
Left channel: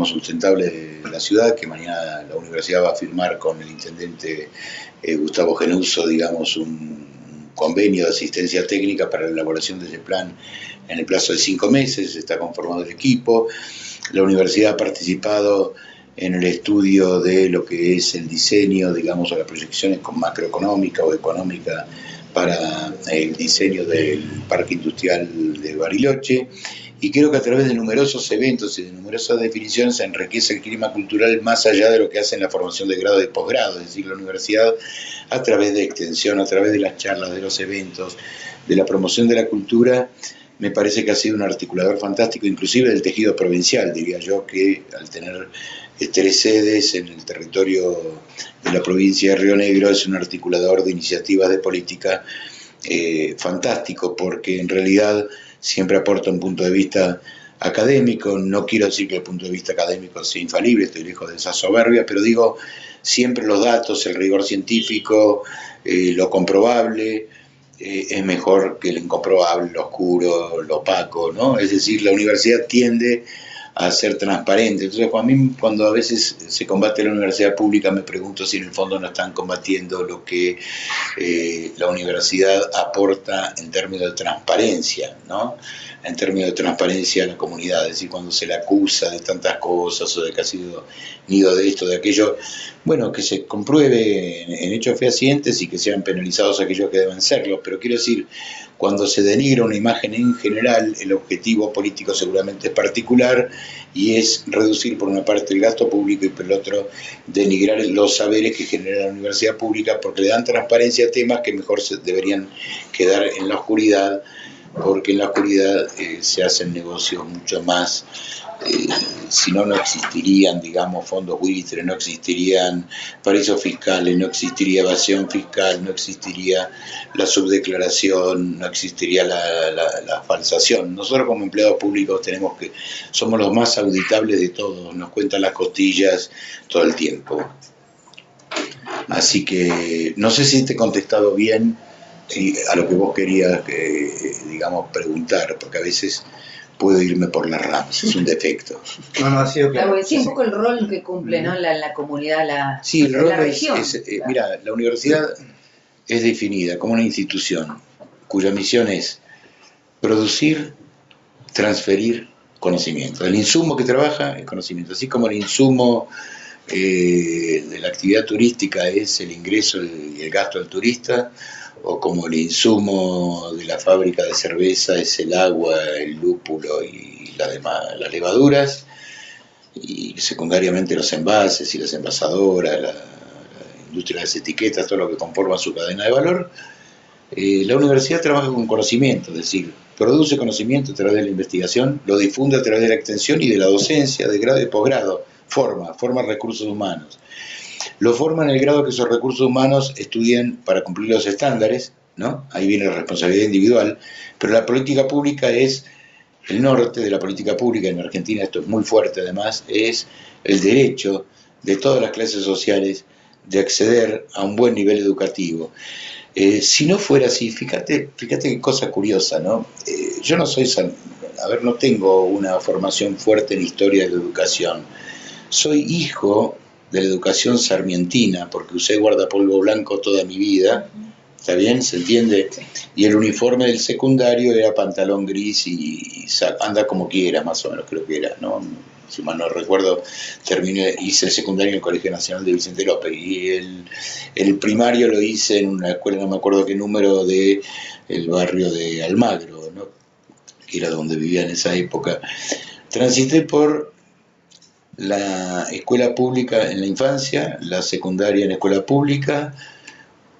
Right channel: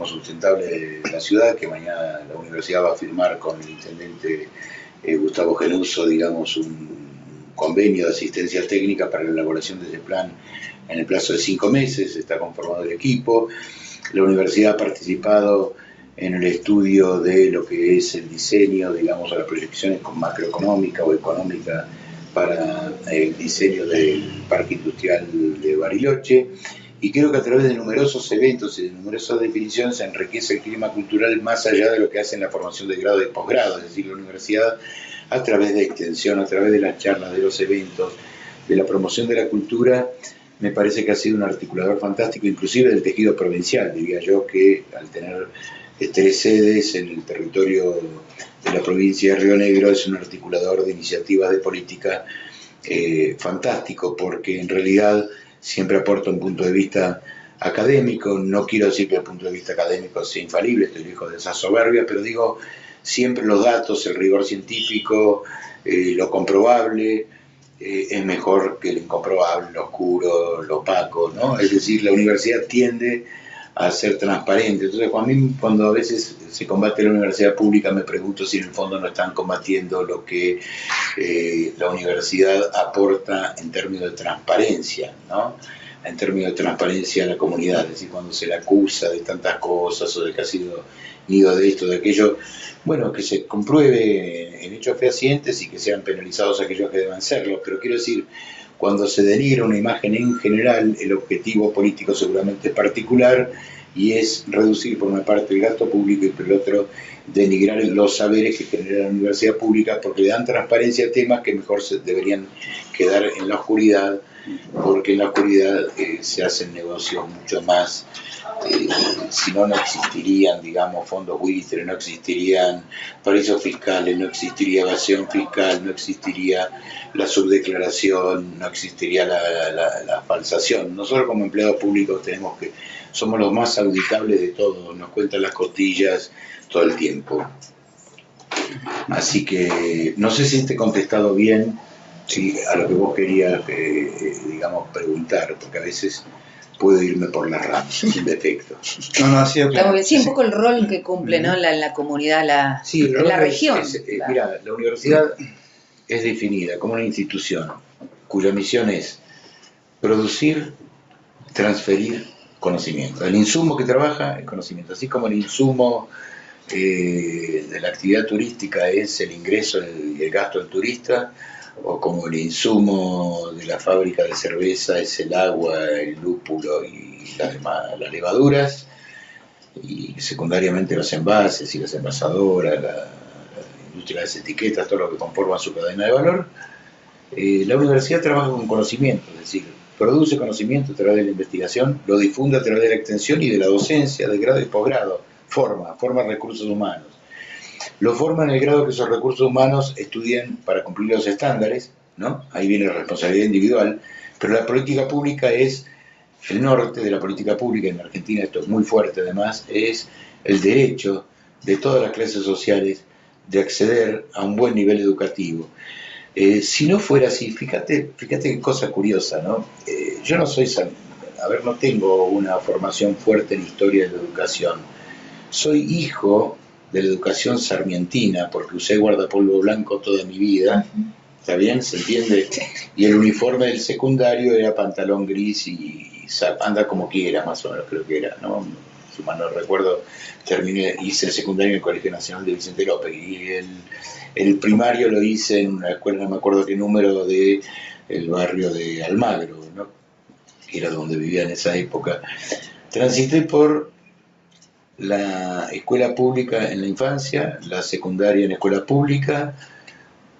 sustentable de la ciudad, que mañana la universidad va a firmar con el intendente Gustavo Genuso, digamos, un convenio de asistencia técnica para la elaboración de ese plan en el plazo de 5 meses, está conformado el equipo. La universidad ha participado en el estudio de lo que es el diseño, digamos, o las proyecciones macroeconómica o económica para el diseño del parque industrial de Bariloche, y creo que a través de numerosos eventos y de numerosas definiciones se enriquece el clima cultural más allá de lo que hace en la formación de grado y posgrado, es decir, la universidad a través de extensión, a través de las charlas, de los eventos, de la promoción de la cultura, me parece que ha sido un articulador fantástico, inclusive del tejido provincial, diría yo, que al tener 3 sedes en el territorio de la provincia de Río Negro es un articulador de iniciativas de política fantástico, porque en realidad siempre aporta un punto de vista académico. No quiero decir que el punto de vista académico sea infalible, estoy lejos de esa soberbia, pero digo, siempre los datos, el rigor científico, lo comprobable, es mejor que el incomprobable, lo oscuro, lo opaco, ¿no? Es decir, la universidad tiende a ser transparente. Entonces, cuando a veces se combate la universidad pública, me pregunto si en el fondo no están combatiendo lo que la universidad aporta en términos de transparencia, ¿no? En términos de transparencia a la comunidad, es decir, cuando se le acusa de tantas cosas o de que ha sido nido de esto, de aquello, bueno, que se compruebe en hechos fehacientes y que sean penalizados aquellos que deben serlo, pero quiero decir, cuando se denigra una imagen en general, el objetivo político seguramente es particular y es reducir por una parte el gasto público y por el otro denigrar los saberes que genera la universidad pública, porque le dan transparencia a temas que mejor deberían quedar en la oscuridad, porque en la oscuridad se hacen negocios mucho más, si no, no existirían, digamos, fondos buitres, no existirían paraísos fiscales, no existiría evasión fiscal, no existiría la subdeclaración, no existiría la falsación. Nosotros como empleados públicos somos los más auditables de todos, nos cuentan las costillas todo el tiempo. Así que no sé si te he contestado bien a lo que vos querías, digamos, preguntar, porque a veces puedo irme por las ramas, es un defecto. No, ha sido claro. Sí, un poco el rol que cumple, ¿no? la comunidad, la región. Claro. Mira, la universidad es definida como una institución cuya misión es producir, transferir conocimiento. El insumo que trabaja es conocimiento, así como el insumo de la actividad turística es el ingreso y el gasto del turista, o como el insumo de la fábrica de cerveza es el agua, el lúpulo y las levaduras, y secundariamente los envases y las envasadoras, la industria de las etiquetas, todo lo que conforma su cadena de valor. La universidad trabaja con conocimiento, es decir, produce conocimiento a través de la investigación, lo difunde a través de la extensión y de la docencia de grado y posgrado, forma recursos humanos. Lo forma en el grado que esos recursos humanos estudien para cumplir los estándares, ¿no? Ahí viene la responsabilidad individual, pero la política pública es el norte de la política pública. En Argentina esto es muy fuerte además, es el derecho de todas las clases sociales de acceder a un buen nivel educativo. Si no fuera así, fíjate qué cosa curiosa, ¿no? Yo no tengo una formación fuerte en historia de la educación. Soy hijo de la educación sarmientina, porque usé guardapolvo blanco toda mi vida, ¿está bien? ¿Se entiende? Y el uniforme del secundario era pantalón gris y anda como quiera, más o menos creo que era, ¿no? Si mal no recuerdo, hice el secundario en el Colegio Nacional de Vicente López, y el primario lo hice en una escuela, no me acuerdo qué número, del barrio de Almagro, ¿no? Que era donde vivía en esa época. Transité por la escuela pública en la infancia, la secundaria en escuela pública,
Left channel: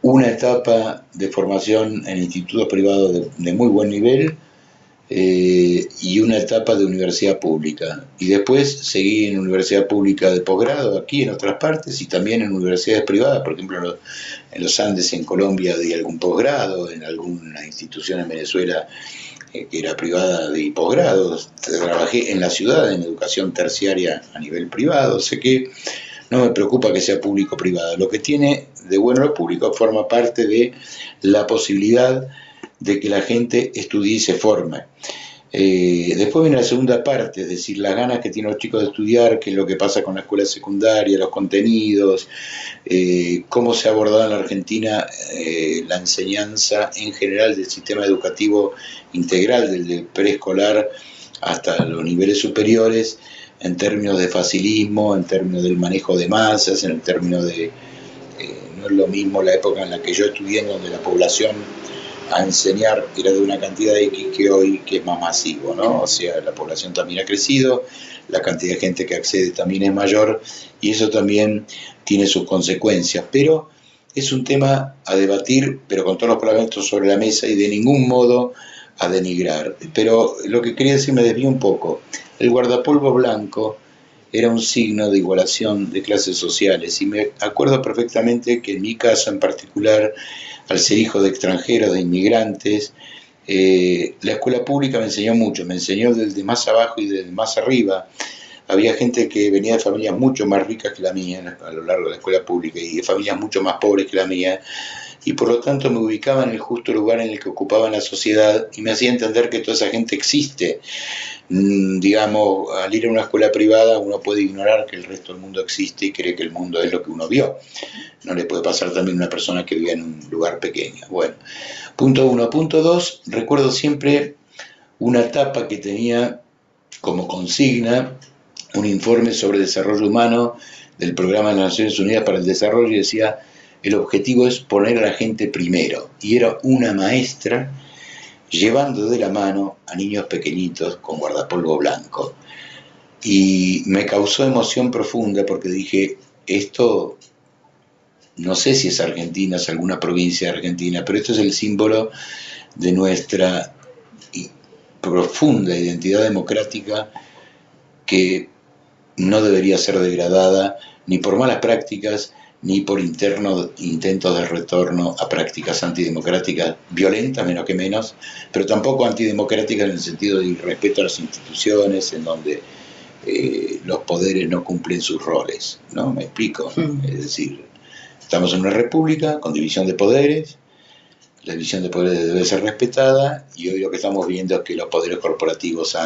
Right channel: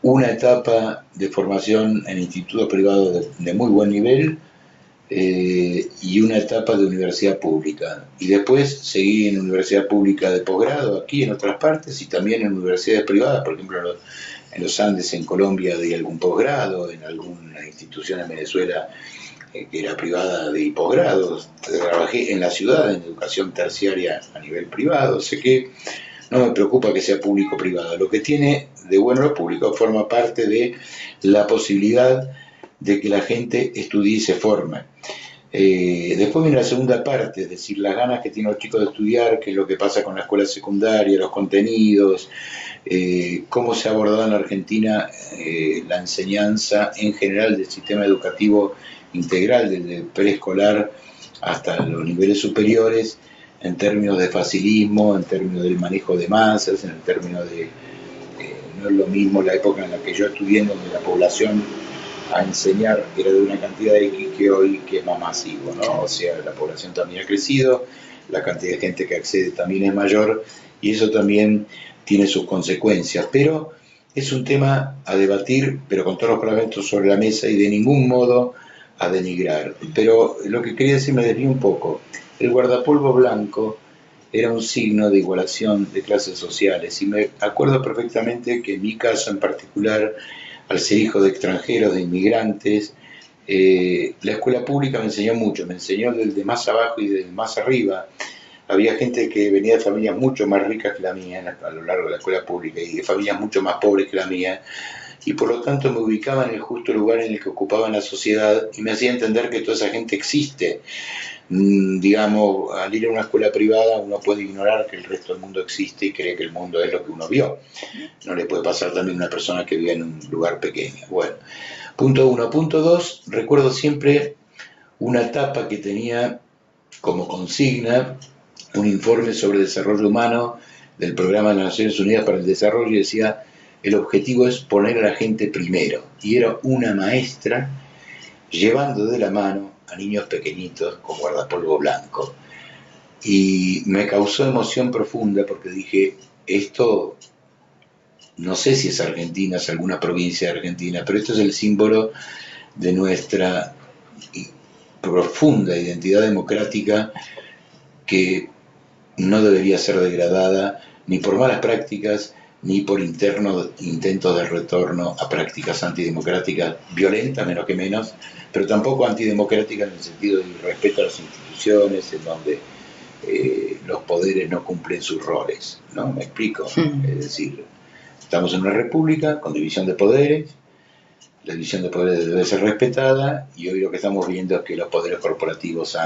una etapa de formación en institutos privados de muy buen nivel, y una etapa de universidad pública. Y después seguí en universidad pública de posgrado aquí en otras partes, y también en universidades privadas, por ejemplo en los Andes en Colombia di algún posgrado, en alguna institución en Venezuela que era privada de posgrados. Trabajé en la ciudad en educación terciaria a nivel privado, sé que no me preocupa que sea público o privado. Lo que tiene de bueno lo público forma parte de la posibilidad de que la gente estudie y se forme. Después viene la segunda parte, es decir, las ganas que tienen los chicos de estudiar, qué es lo que pasa con la escuela secundaria, los contenidos, cómo se ha abordado en la Argentina la enseñanza en general del sistema educativo integral, desde preescolar hasta los niveles superiores, en términos de facilismo, en términos del manejo de masas, en el término de... no es lo mismo la época en la que yo estudié, donde la población a enseñar era de una cantidad de X que hoy, que es más masivo, ¿no? O sea, la población también ha crecido, la cantidad de gente que accede también es mayor, y eso también tiene sus consecuencias. Pero es un tema a debatir, pero con todos los parlamentos sobre la mesa, y de ningún modo a denigrar. Pero lo que quería decir, me desvío un poco. El guardapolvo blanco era un signo de igualación de clases sociales, y me acuerdo perfectamente que en mi caso en particular, al ser hijo de extranjeros, de inmigrantes, La escuela pública me enseñó mucho, me enseñó del de más abajo y del más arriba. Había gente que venía de familias mucho más ricas que la mía a lo largo de la escuela pública y de familias mucho más pobres que la mía, y por lo tanto me ubicaba en el justo lugar en el que ocupaba en la sociedad y me hacía entender que toda esa gente existe. Digamos, al ir a una escuela privada uno puede ignorar que el resto del mundo existe y cree que el mundo es lo que uno vio. No le puede pasar también a una persona que vive en un lugar pequeño. Bueno, punto 1. Punto 2, recuerdo siempre una tapa que tenía como consigna un informe sobre desarrollo humano del Programa de las Naciones Unidas para el Desarrollo y decía: el objetivo es poner a la gente primero. Y era una maestra llevando de la mano a niños pequeñitos con guardapolvo blanco. Y me causó emoción profunda porque dije, esto no sé si es Argentina, es alguna provincia de Argentina, pero esto es el símbolo de nuestra profunda identidad democrática, que no debería ser degradada ni por malas prácticas ni por intentos de retorno a prácticas antidemocráticas violentas, menos que menos, pero tampoco antidemocráticas en el sentido de irrespeto a las instituciones, en donde los poderes no cumplen sus roles, ¿no? ¿Me explico? Es decir, estamos en una república con división de poderes, la división de poderes debe ser respetada, y hoy lo que estamos viendo es que los poderes corporativos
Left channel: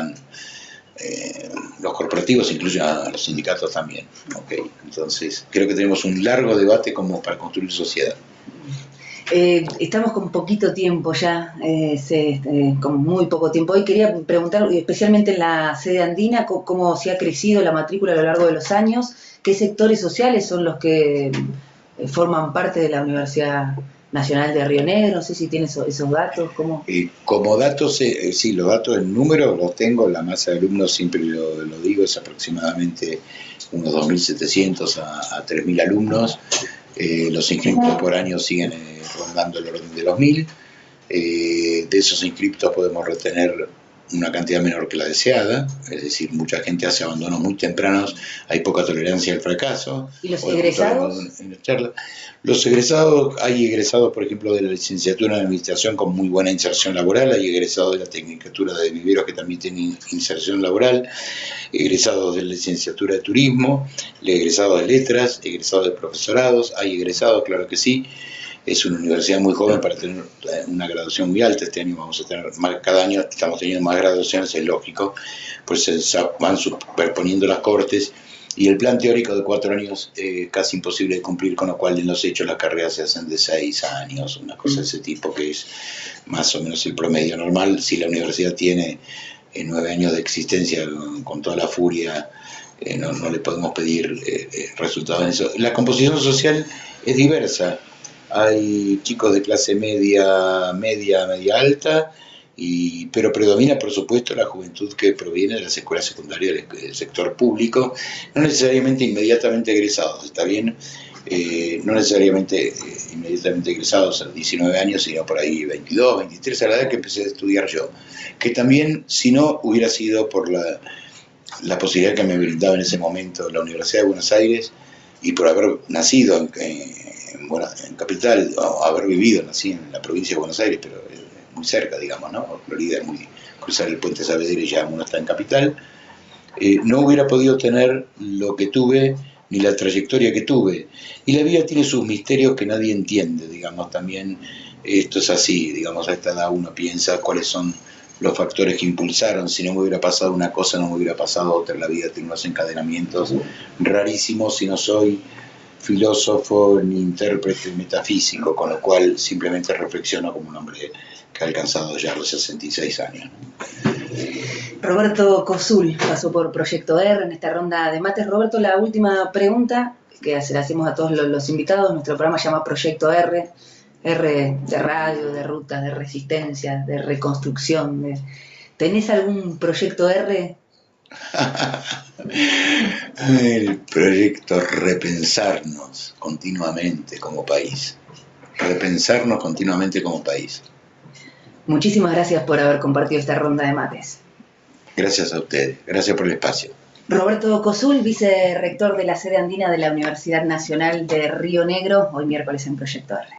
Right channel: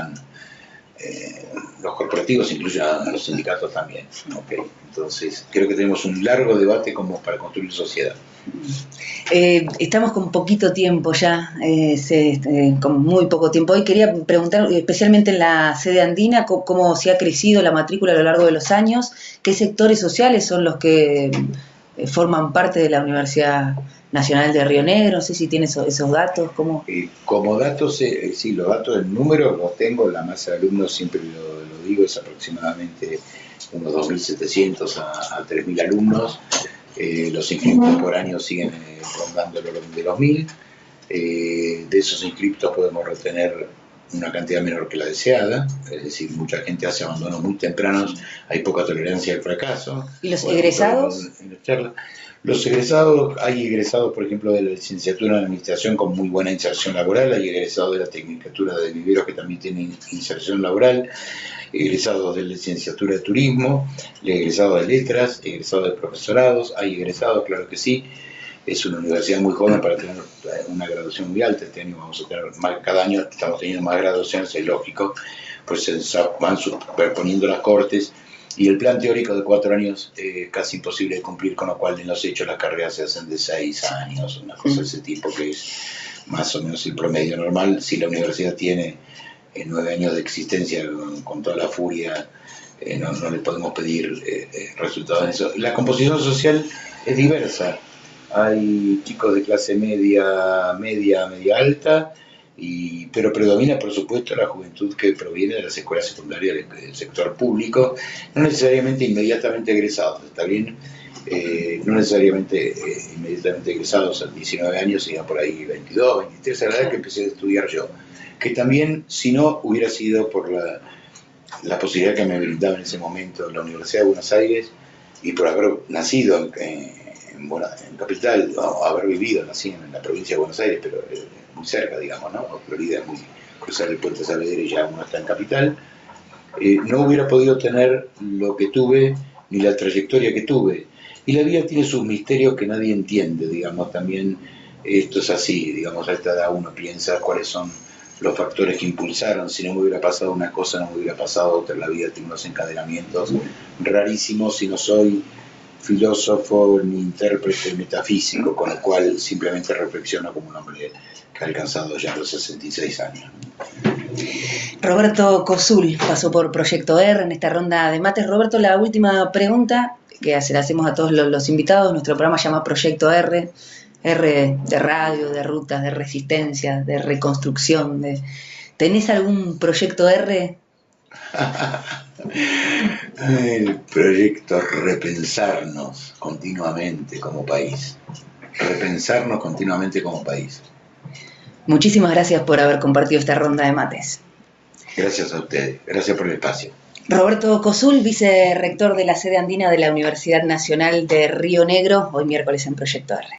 los corporativos incluyen a los sindicatos también. Okay. Entonces, creo que tenemos un largo debate como para construir sociedad. Estamos con poquito tiempo ya, con muy poco tiempo. Hoy quería preguntar, especialmente en la sede andina, cómo se ha crecido la matrícula a lo largo de los años, qué sectores sociales son los que forman parte de la Universidad Nacional de Río Negro. No sé si tiene esos datos. ¿Cómo? Como datos, sí, los datos en números los tengo. La masa de alumnos, siempre lo digo, es aproximadamente unos 2.700 a 3.000 alumnos. Los inscriptos por año siguen rondando el orden de los 1.000. De esos inscriptos podemos retener una cantidad menor que la deseada, es decir, mucha gente hace abandonos muy tempranos, hay poca tolerancia al fracaso. ¿Y los egresados? Los egresados, hay egresados, por ejemplo, de la licenciatura en Administración con muy buena inserción laboral, hay egresados de la Tecnicatura de Viveros que también tienen inserción laboral, egresados de la licenciatura de Turismo, egresados de Letras, egresados de Profesorados, hay egresados, claro que sí. Es una universidad muy joven para tener una graduación muy alta. Este año vamos a tener más, cada año estamos teniendo más graduaciones, es lógico, pues se van superponiendo las cortes, y el plan teórico de 4 años es casi imposible de cumplir, con lo cual en los hechos las carreras se hacen de 6 años, una cosa de ese tipo, que es más o menos el promedio normal. Si la universidad tiene 9 años de existencia con toda la furia, no le podemos pedir resultados en eso. La composición social es diversa. Hay chicos de clase media alta, pero predomina, por supuesto, la juventud que proviene de las escuelas secundarias del sector público, no necesariamente inmediatamente egresados, ¿está bien? No necesariamente inmediatamente egresados a 19 años, sino por ahí 22, 23, a la edad que empecé a estudiar yo, que también, si no, hubiera sido por la posibilidad que me brindaba en ese momento la Universidad de Buenos Aires, y por haber nacido en Capital, o haber vivido, nací en la provincia de Buenos Aires, pero muy cerca, digamos, ¿no? Florida es muy, cruzar el puente Saavedra y ya uno está en Capital. No hubiera podido tener lo que tuve, ni la trayectoria que tuve. Y la vida tiene sus misterios que nadie entiende, digamos, también esto es así, digamos, a esta edad uno piensa cuáles son los factores que impulsaron. Si no me hubiera pasado una cosa, no me hubiera pasado otra. La vida tiene unos encadenamientos rarísimos, si no soy filósofo ni intérprete metafísico, con lo cual simplemente reflexiono como un hombre que ha alcanzado ya los 66 años. Roberto Cosul pasó por Proyecto R en esta ronda de mates. Roberto, la última pregunta que se la hacemos a todos los invitados. Nuestro programa se llama Proyecto R. R de radio, de rutas, de resistencia, de reconstrucción. ¿Tenés algún proyecto R? El proyecto repensarnos continuamente como país. Repensarnos continuamente como país. Muchísimas gracias por haber compartido esta ronda de mates. Gracias a ustedes. Gracias por el espacio. Roberto Cosul, vicerrector de la sede andina de la Universidad Nacional de Río Negro, hoy miércoles en Proyecto R.